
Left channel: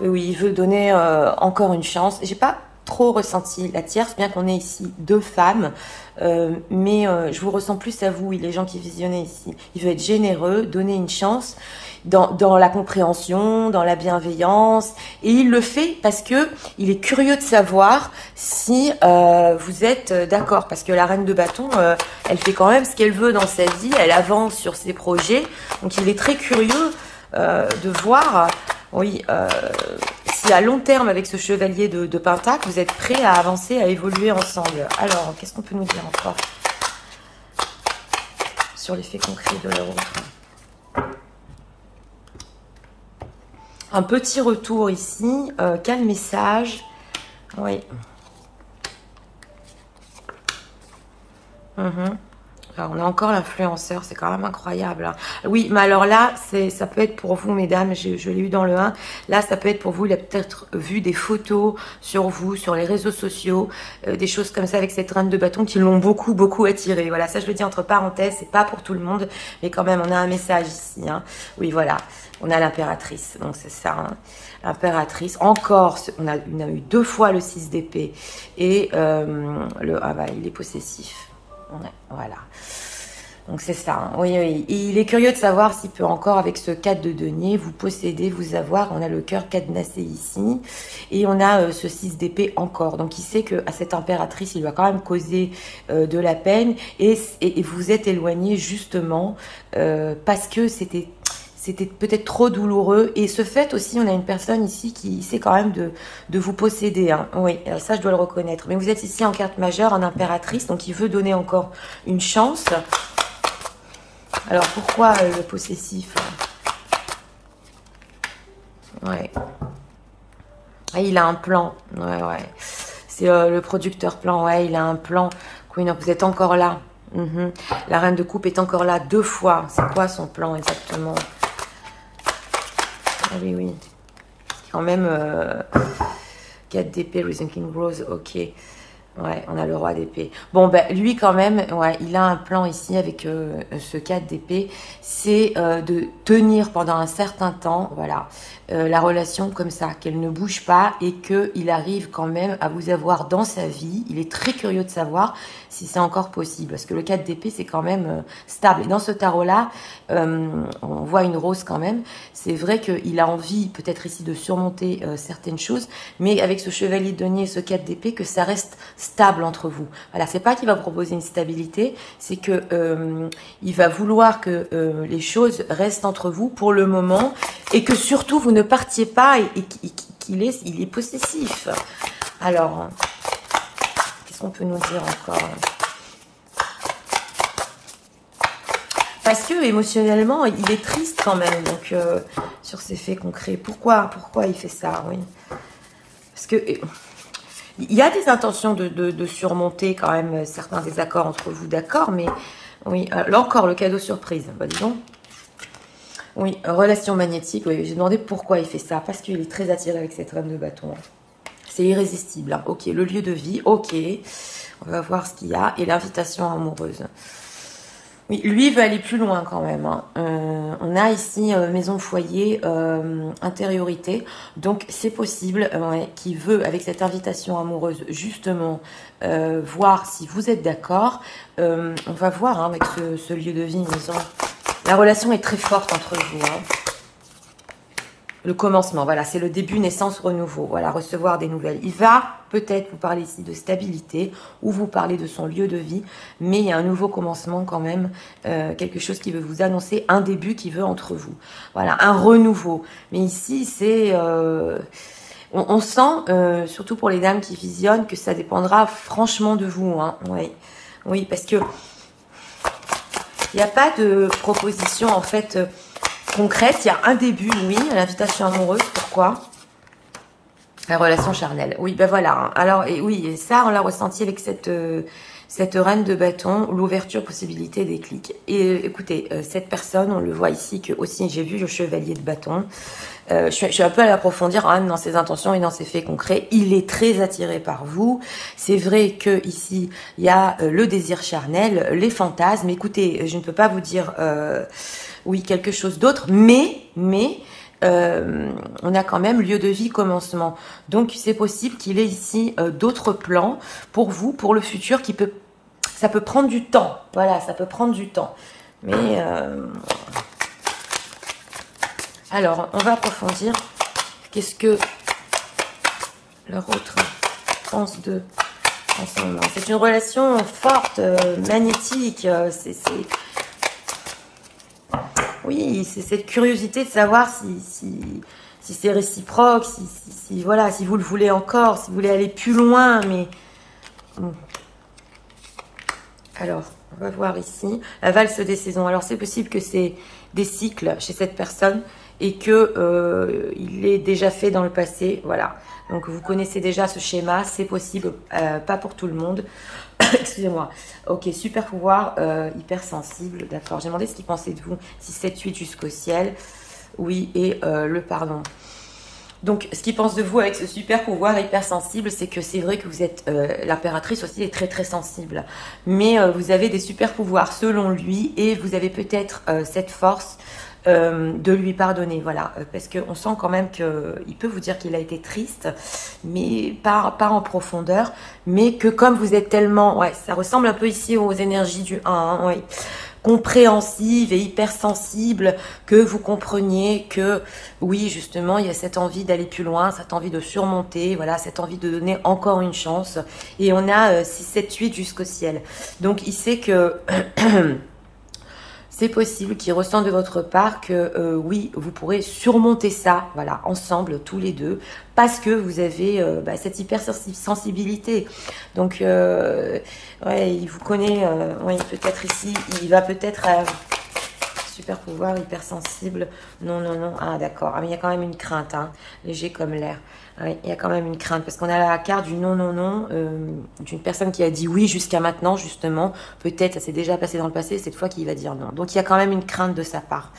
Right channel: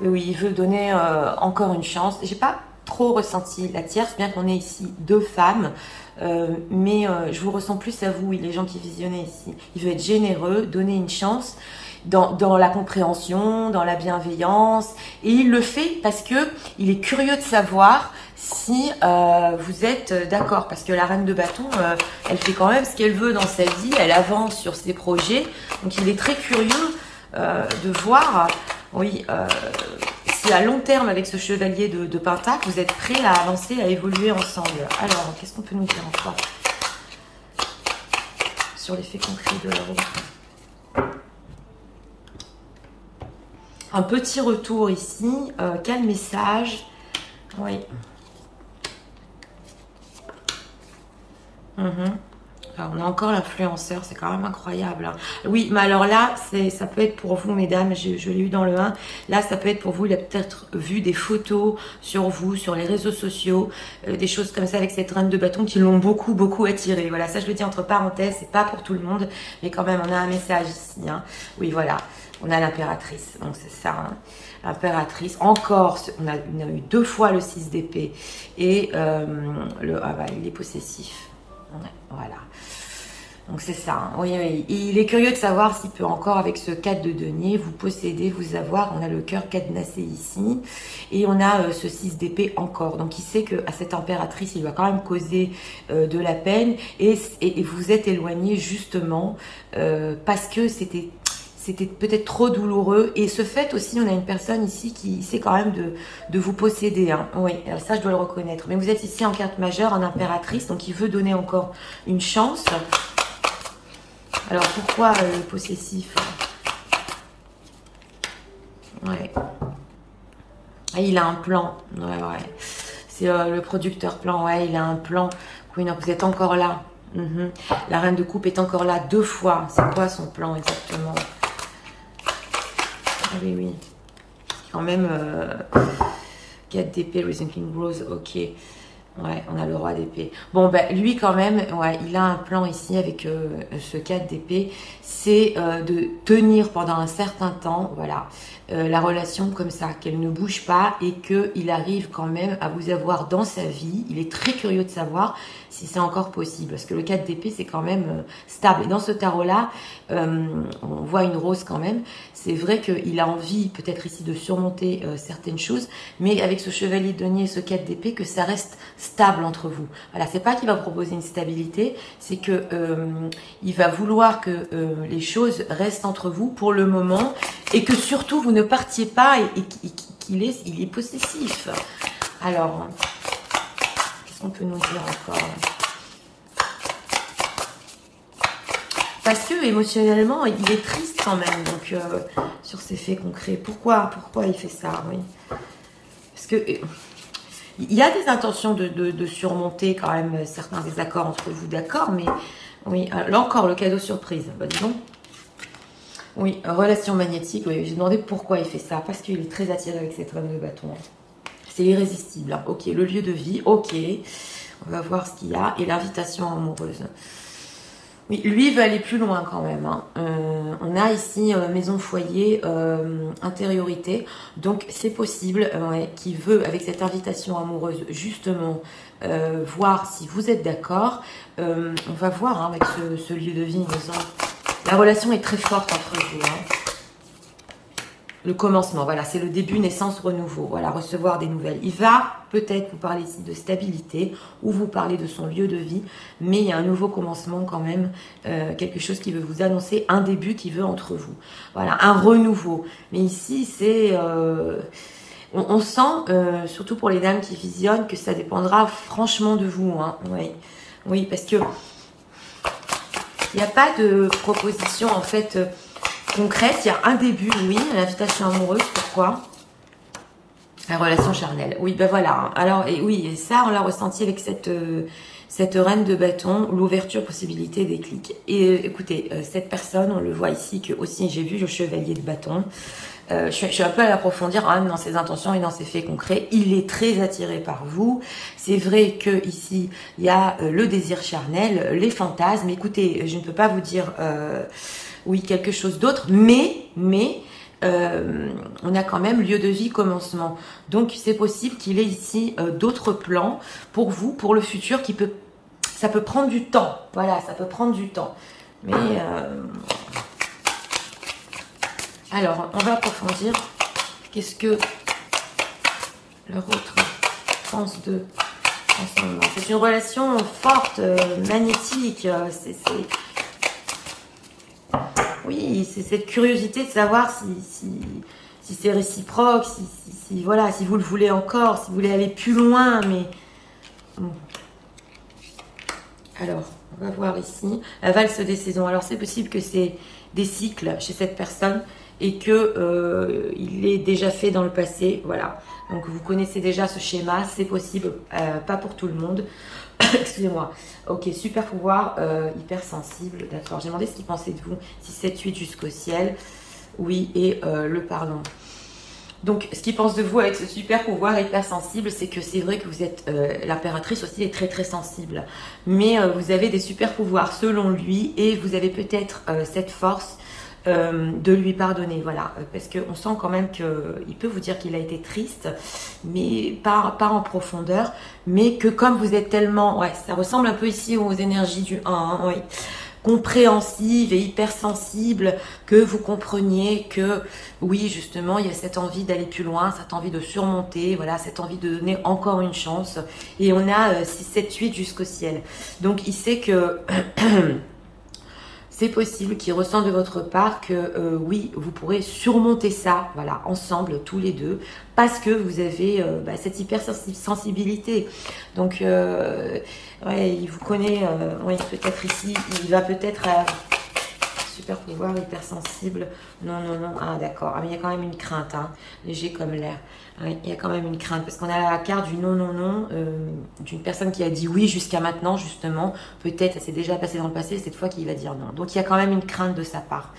Oui, il veut donner encore une chance. J'ai pas trop ressenti la tierce, bien qu'on ait ici 2 femmes. Mais je vous ressens plus à vous, les gens qui visionnaient ici. Il veut être généreux, donner une chance dans la compréhension, dans la bienveillance. Et il le fait parce que il est curieux de savoir si vous êtes d'accord. Parce que la reine de bâton, elle fait quand même ce qu'elle veut dans sa vie. Elle avance sur ses projets. Donc, il est très curieux de voir, oui, si à long terme, avec ce chevalier de pentacle, vous êtes prêts à avancer, à évoluer ensemble. Alors, qu'est-ce qu'on peut nous dire encore sur l'effet concret de... Un petit retour ici. Quel message? Oui. Alors, on a encore l'influenceur, c'est quand même incroyable. Hein. Oui, mais alors là, ça peut être pour vous, mesdames, je l'ai eu dans le 1. Là, ça peut être pour vous, il a peut-être vu des photos sur vous, sur les réseaux sociaux, des choses comme ça avec cette reine de bâton qui l'ont beaucoup, beaucoup attiré. Voilà, ça je le dis entre parenthèses, c'est pas pour tout le monde, mais quand même, on a un message ici. Hein. Oui, voilà, on a l'impératrice, donc c'est ça. Hein. Impératrice, encore, on a eu 2 fois le 6 d'épée et il est possessif. Voilà. Donc c'est ça, hein. Oui, oui. Et il est curieux de savoir s'il peut encore, avec ce 4 de denier, vous posséder, vous avoir. On a le cœur cadenassé ici. Et on a ce 6 d'épée encore. Donc il sait qu'à cette impératrice, il va quand même causer de la peine. Et vous êtes éloigné justement parce que c'était peut-être trop douloureux. Et ce fait aussi, on a une personne ici qui essaie quand même de vous posséder. Hein. Oui, ça je dois le reconnaître. Mais vous êtes ici en carte majeure, en impératrice. Donc il veut donner encore une chance. Alors, pourquoi le possessif? Ouais. Ah, il a un plan. Ouais, ouais. C'est le producteur plan. Ouais, il a un plan. Oui, donc vous êtes encore là. La reine de coupe est encore là 2 fois. C'est quoi son plan exactement? Ah, oui, oui. Quand même, 4 d'épée, Risen King Rose. Ok. Ouais, on a le roi d'épée. Bon, ben, lui, quand même, ouais, il a un plan ici avec ce 4 d'épée. C'est de tenir pendant un certain temps, voilà, la relation comme ça, qu'elle ne bouge pas et qu'il arrive quand même à vous avoir dans sa vie. Il est très curieux de savoir si c'est encore possible. Parce que le 4 d'épée, c'est quand même stable. Et dans ce tarot-là, on voit une rose quand même. C'est vrai qu'il a envie, peut-être ici, de surmonter certaines choses. Mais avec ce chevalier de denier et ce 4 d'épée, que ça reste stable entre vous. Voilà, c'est pas qu'il va proposer une stabilité, c'est que il va vouloir que les choses restent entre vous pour le moment et que surtout vous ne partiez pas et qu'il est possessif. Alors, qu'est-ce qu'on peut nous dire encore? Parce que émotionnellement, il est triste quand même, donc sur ces faits concrets. Pourquoi il fait ça? Oui, parce que il y a des intentions de surmonter quand même certains désaccords entre vous, d'accord, mais oui, là encore, le cadeau surprise, bah, dis donc. Oui, relation magnétique, oui, j'ai demandé pourquoi il fait ça, parce qu'il est très attiré avec cette reine de bâton. C'est irrésistible, hein. Ok, le lieu de vie, ok, on va voir ce qu'il y a, et l'invitation amoureuse. Oui, lui il va aller plus loin quand même. Hein. On a ici maison foyer, intériorité. Donc c'est possible qu'il veut, avec cette invitation amoureuse, justement, voir si vous êtes d'accord. On va voir hein, avec ce lieu de vie, maison. La relation est très forte entre vous. Hein. Le commencement, voilà, c'est le début, naissance, renouveau. Voilà, recevoir des nouvelles. Il va peut-être vous parler ici de stabilité ou vous parler de son lieu de vie, mais il y a un nouveau commencement quand même, quelque chose qui veut vous annoncer un début qui veut entre vous. Voilà, un renouveau. Mais ici, c'est... on sent, surtout pour les dames qui visionnent, que ça dépendra franchement de vous. Hein. Oui. Oui, parce que il n'y a pas de proposition en fait... concrète, il y a un début, oui, l'invitation amoureuse, pourquoi? La relation charnelle, oui, ben voilà. Alors, et oui, et ça, on l'a ressenti avec cette reine de bâton, l'ouverture, possibilité, déclic. Et écoutez, cette personne, on le voit ici, que aussi j'ai vu le chevalier de bâton. Je suis un peu à l'approfondir hein, dans ses intentions et dans ses faits concrets. Il est très attiré par vous. C'est vrai que ici il y a le désir charnel, les fantasmes. Écoutez, je ne peux pas vous dire oui quelque chose d'autre, mais on a quand même lieu de vie, commencement. Donc c'est possible qu'il ait ici d'autres plans pour vous, pour le futur, ça peut prendre du temps. Voilà, ça peut prendre du temps. Mais alors, on va approfondir. Qu'est-ce que leur autre pense de ensemble? C'est une relation forte, magnétique. Oui, c'est cette curiosité de savoir si c'est réciproque, voilà, si vous le voulez encore, si vous voulez aller plus loin, mais... Alors, On va voir ici. La valse des saisons. Alors, c'est possible que c'est des cycles chez cette personne et que il est déjà fait dans le passé. Voilà. Donc, vous connaissez déjà ce schéma. C'est possible, pas pour tout le monde. Excusez-moi. Ok, super pouvoir, hypersensible. D'accord. J'ai demandé ce qu'il pensait de vous. 6, 7, 8 jusqu'au ciel. Oui, et le pardon. Donc, ce qu'il pense de vous avec ce super pouvoir hypersensible, c'est que c'est vrai que vous êtes, l'impératrice aussi est très très sensible. Mais vous avez des super pouvoirs selon lui et vous avez peut-être cette force de lui pardonner. Voilà, parce qu'on sent quand même qu'il peut vous dire qu'il a été triste, mais pas en profondeur. Mais que comme vous êtes tellement... Ouais, ça ressemble un peu ici aux énergies du 1, hein, ouais, compréhensive et hypersensible, que vous compreniez que oui, justement, il y a cette envie d'aller plus loin, cette envie de surmonter, voilà, cette envie de donner encore une chance. Et on a 6, 7, 8 jusqu'au ciel. Donc, il sait que c'est possible qu'il ressent de votre part que oui, vous pourrez surmonter ça, voilà, ensemble, tous les deux, parce que vous avez cette hypersensibilité. Donc, ouais, il vous connaît, ouais, peut-être ici, il va peut-être... super pouvoir, hypersensible. Non, non, non. Ah, d'accord. Ah, mais il y a quand même une crainte, hein, léger comme l'air. Ouais, il y a quand même une crainte, parce qu'on a la carte du non, non, non, d'une personne qui a dit oui jusqu'à maintenant, justement. Peut-être, ça s'est déjà passé dans le passé, cette fois qu'il va dire non. Donc, il y a quand même une crainte de sa part.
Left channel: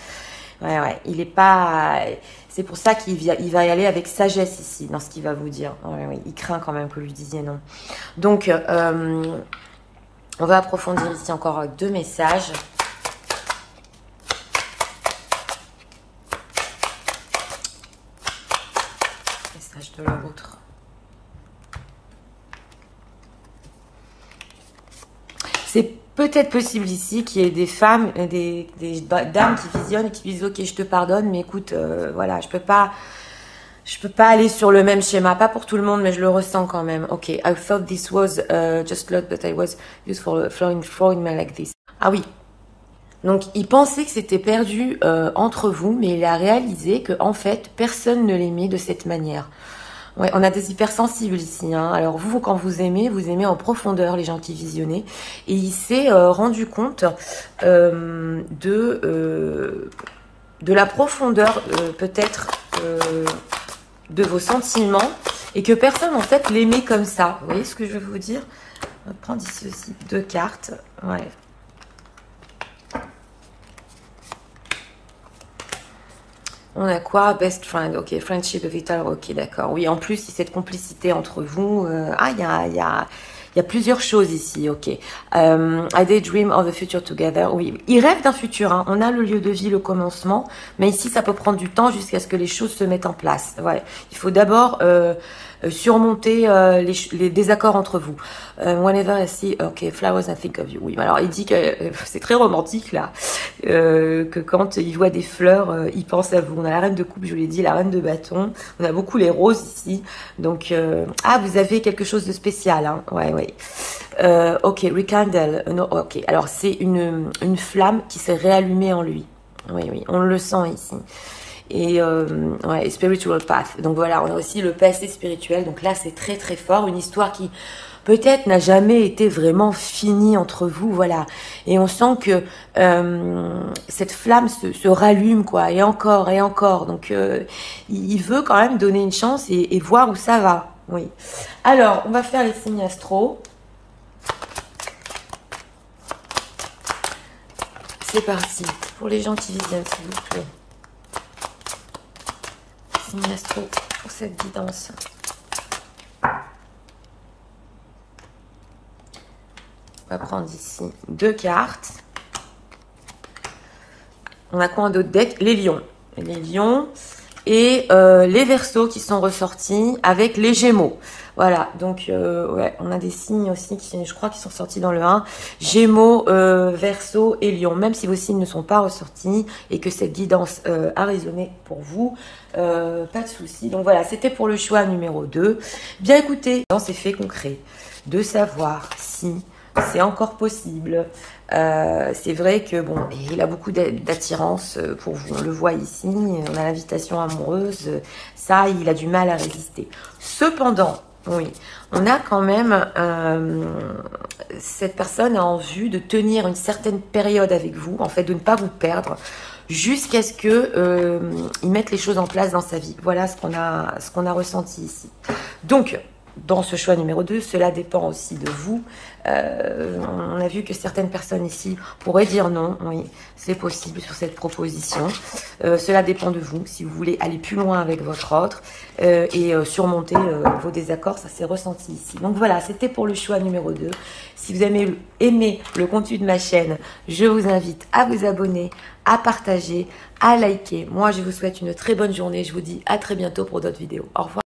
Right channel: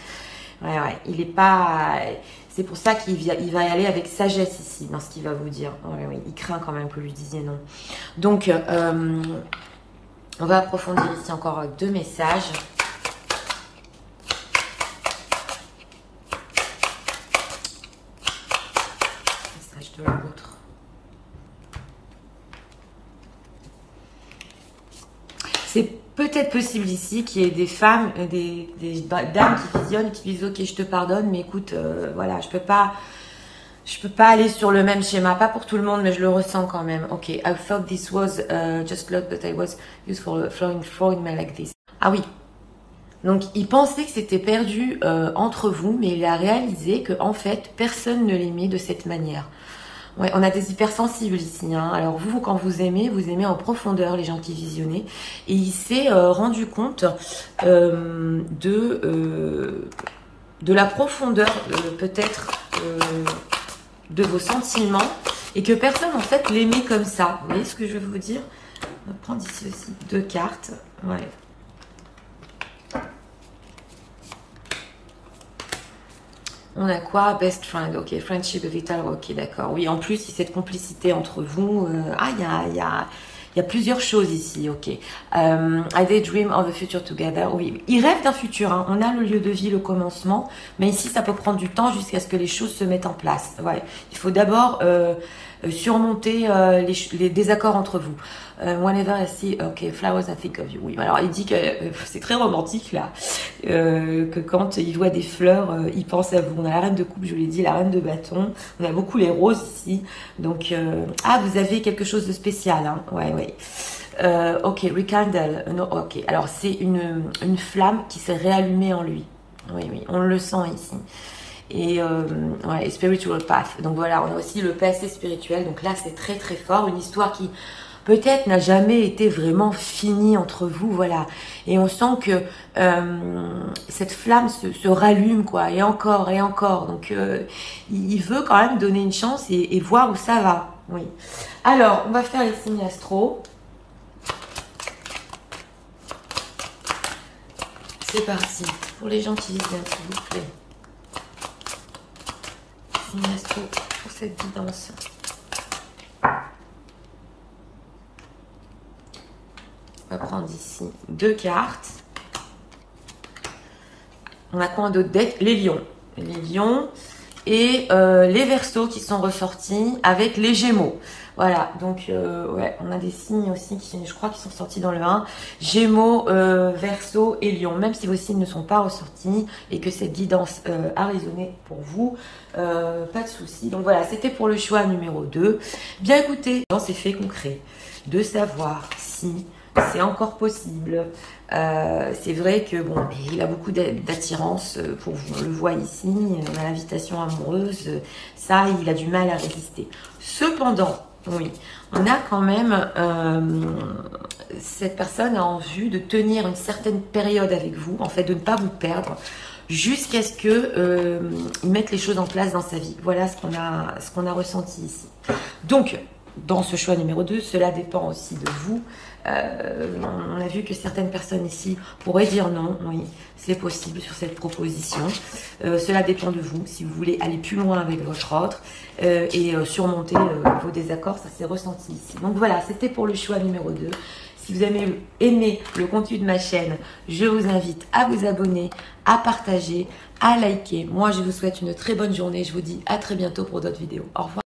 Ouais, ouais. Il est pas... C'est pour ça qu'il va y aller avec sagesse ici, dans ce qu'il va vous dire. Ouais, ouais. Il craint quand même que vous lui disiez non. Donc, on va approfondir ici encore avec 2 messages. De l'autre. C'est peut-être possible ici qu'il y ait des femmes, des dames qui visionnent et qui disent ok, je te pardonne, mais écoute, voilà, je peux pas aller sur le même schéma, pas pour tout le monde, mais je le ressens quand même. Ok, I thought this was just luck, but I was used for flowing me like this. Ah oui. Donc, il pensait que c'était perdu entre vous, mais il a réalisé que en fait, personne ne l'aimait de cette manière. Ouais, on a des hypersensibles ici, hein. Alors vous, quand vous aimez en profondeur les gens qui visionnaient. Et il s'est rendu compte de la profondeur peut-être de vos sentiments et que personne en fait l'aimait comme ça. Vous voyez ce que je veux vous dire? On va prendre ici aussi 2 cartes. Ouais. On a quoi? Best friend, ok, friendship vital, ok, d'accord. Oui, en plus, il y a cette complicité entre vous. Il y a plusieurs choses ici, ok. I daydream of a future together. Oui, ils rêvent d'un futur, hein. On a le lieu de vie, le commencement, mais ici, ça peut prendre du temps jusqu'à ce que les choses se mettent en place. Ouais, il faut d'abord surmonter les désaccords entre vous. Whenever I see, ok, flowers, I think of you. Oui, alors il dit que c'est très romantique là, que quand il voit des fleurs, il pense à vous. On a la reine de coupe, je l'ai dit, la reine de bâton. On a beaucoup les roses ici. Donc, ah, vous avez quelque chose de spécial, hein. Ouais, ouais. Ok, rekindle. No, ok, alors c'est une flamme qui s'est réallumée en lui. Oui, oui, on le sent ici. Et ouais, spiritual path. Donc voilà, on a aussi le passé spirituel. Donc là, c'est très très fort. Une histoire qui peut-être n'a jamais été vraiment finie entre vous. Voilà. Et on sent que cette flamme se rallume, quoi. Et encore, et encore. Donc il veut quand même donner une chance et voir où ça va. Oui. Alors, on va faire les signes astro. C'est parti. Pour les gens qui vivent s'il vous plaît. Astro pour cette guidance. On va prendre ici 2 cartes. On a quoi en d'autres decks? Les lions. Les lions et les Verseaux qui sont ressortis avec les Gémeaux. Voilà, donc ouais, on a des signes aussi qui, je crois, qui sont sortis dans le 1. Gémeaux, Verseau et Lion. Même si vos signes ne sont pas ressortis et que cette guidance a résonné pour vous, pas de souci. Donc voilà, c'était pour le choix numéro 2. Bien écoutez, dans ces faits concrets, de savoir si c'est encore possible. C'est vrai que bon, il a beaucoup d'attirance pour vous. On le voit ici, on a l'invitation amoureuse. Ça, il a du mal à résister. Cependant, Oui, on a quand même cette personne a en vue de tenir une certaine période avec vous, en fait de ne pas vous perdre, jusqu'à ce que il mette les choses en place dans sa vie. Voilà ce qu'on a ressenti ici. Donc, dans ce choix numéro 2, cela dépend aussi de vous. On a vu que certaines personnes ici pourraient dire non. Oui, c'est possible sur cette proposition. Cela dépend de vous. Si vous voulez aller plus loin avec votre autre et surmonter vos désaccords, ça s'est ressenti ici. Donc voilà, c'était pour le choix numéro 2. Si vous avez aimé le contenu de ma chaîne, je vous invite à vous abonner, à partager, à liker. Moi, je vous souhaite une très bonne journée. Je vous dis à très bientôt pour d'autres vidéos. Au revoir.